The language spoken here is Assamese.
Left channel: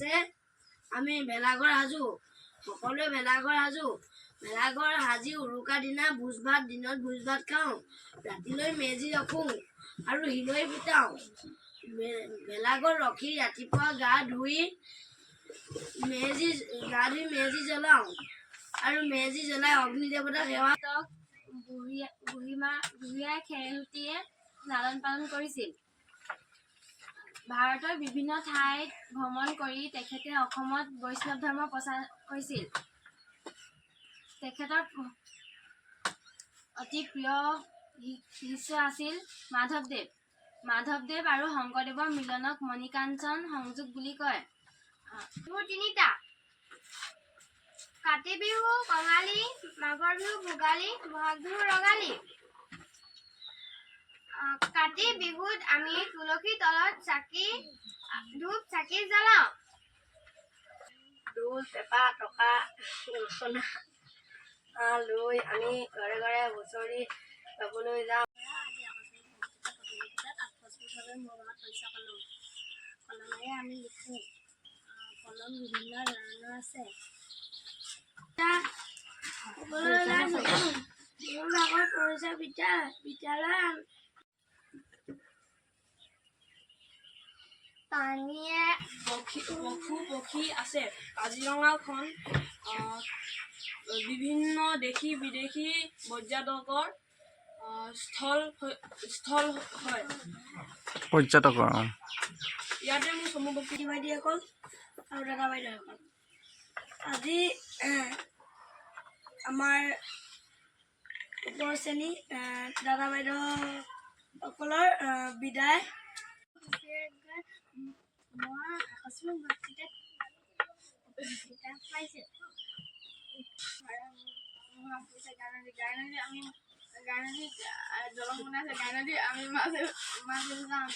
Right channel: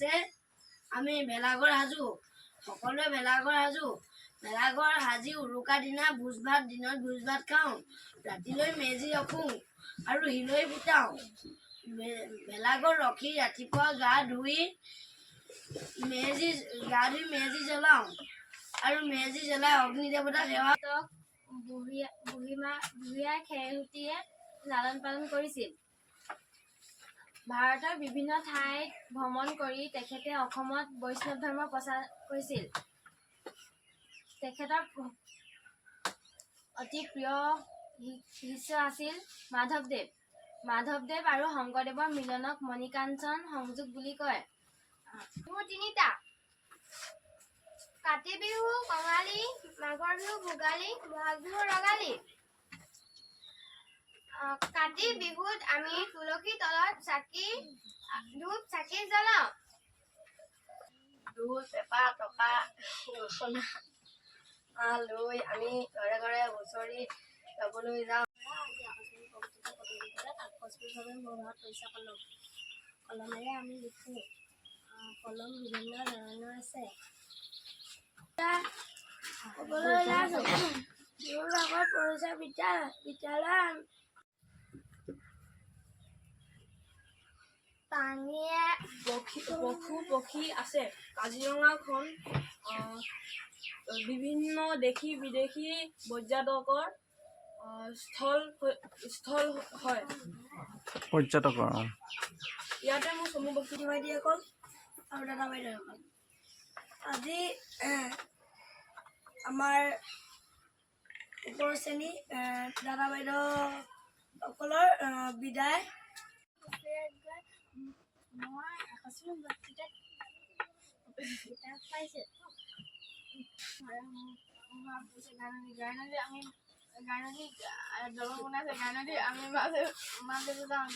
আছে আমি ভেলাঘৰ সাজো সকলোৱে ভেলাঘৰ সাজি উৰুকা দিনা ভোজ ভাত দিনত ভোজ ভাত খাওঁ ৰাতিলৈ মেজি ৰখোঁ আৰু হিলৈ ফুটাওঁ ভেলাঘৰ ৰখি ৰাতিপুৱা গা ধুই মেজি জ্বলাওঁ আৰু মেজি জ্বলাই অগ্নি দেৱতাক সেৱা বুঢ়ীমাই খেৰসূতীয়ে লালন পালন কৰিছিল। ভাৰতৰ বিভিন্ন ঠাইত ভ্ৰমণ কৰি তেখেতে অসমত বৈষ্ণৱ ধৰ্ম প্ৰচাৰ কৰিছিল। তেখেতৰ অতি প্ৰিয় শিষ্য আছিল মাধৱদেৱ আৰু শংকৰদেৱৰ মিলনক মণিকাঞ্চন সংযোগ বুলি কয়। বিহু তিনিটা: কাতি বিহু কঙালী, মাঘৰ বিহু ভোগালী, বহাগ বিহু ৰঙালী। কাতি বিহুত আমি তুলসী তলত ধূপ চাকি জ্বলাওঁ। ঢোল পেঁপা টকা গগনা লৈ আমি ঘৰে ঘৰে হুঁচৰি গাবলৈ যাওঁ। আকস্মিকভাৱে মোৰ ঘৰত পইচা কলমেৰে আমি লিখোঁ। কলম বিভিন্ন ধৰণৰ আছে। বিদ্যালয় পানীয়ে পক্ষী আছে। কাজিৰঙাখন বিভিন্ন দেশী বিদেশী পৰ্যটকৰ স্থল হয়। ইয়াতে মোৰ চমু বক্তৃতা বাইদেউসকল আৰু দাদা বাইদেউসকল আজি আমাৰ ওপৰ শ্ৰেণী দাদা বাইদেউসকলৰ বিদায়। মই আকস্মিক বক্তৃতাত কিতাপ পাইছোঁ। গাইনদী আমি দলং বনাইছে। গাইনদী আমি মাছ যাওঁ।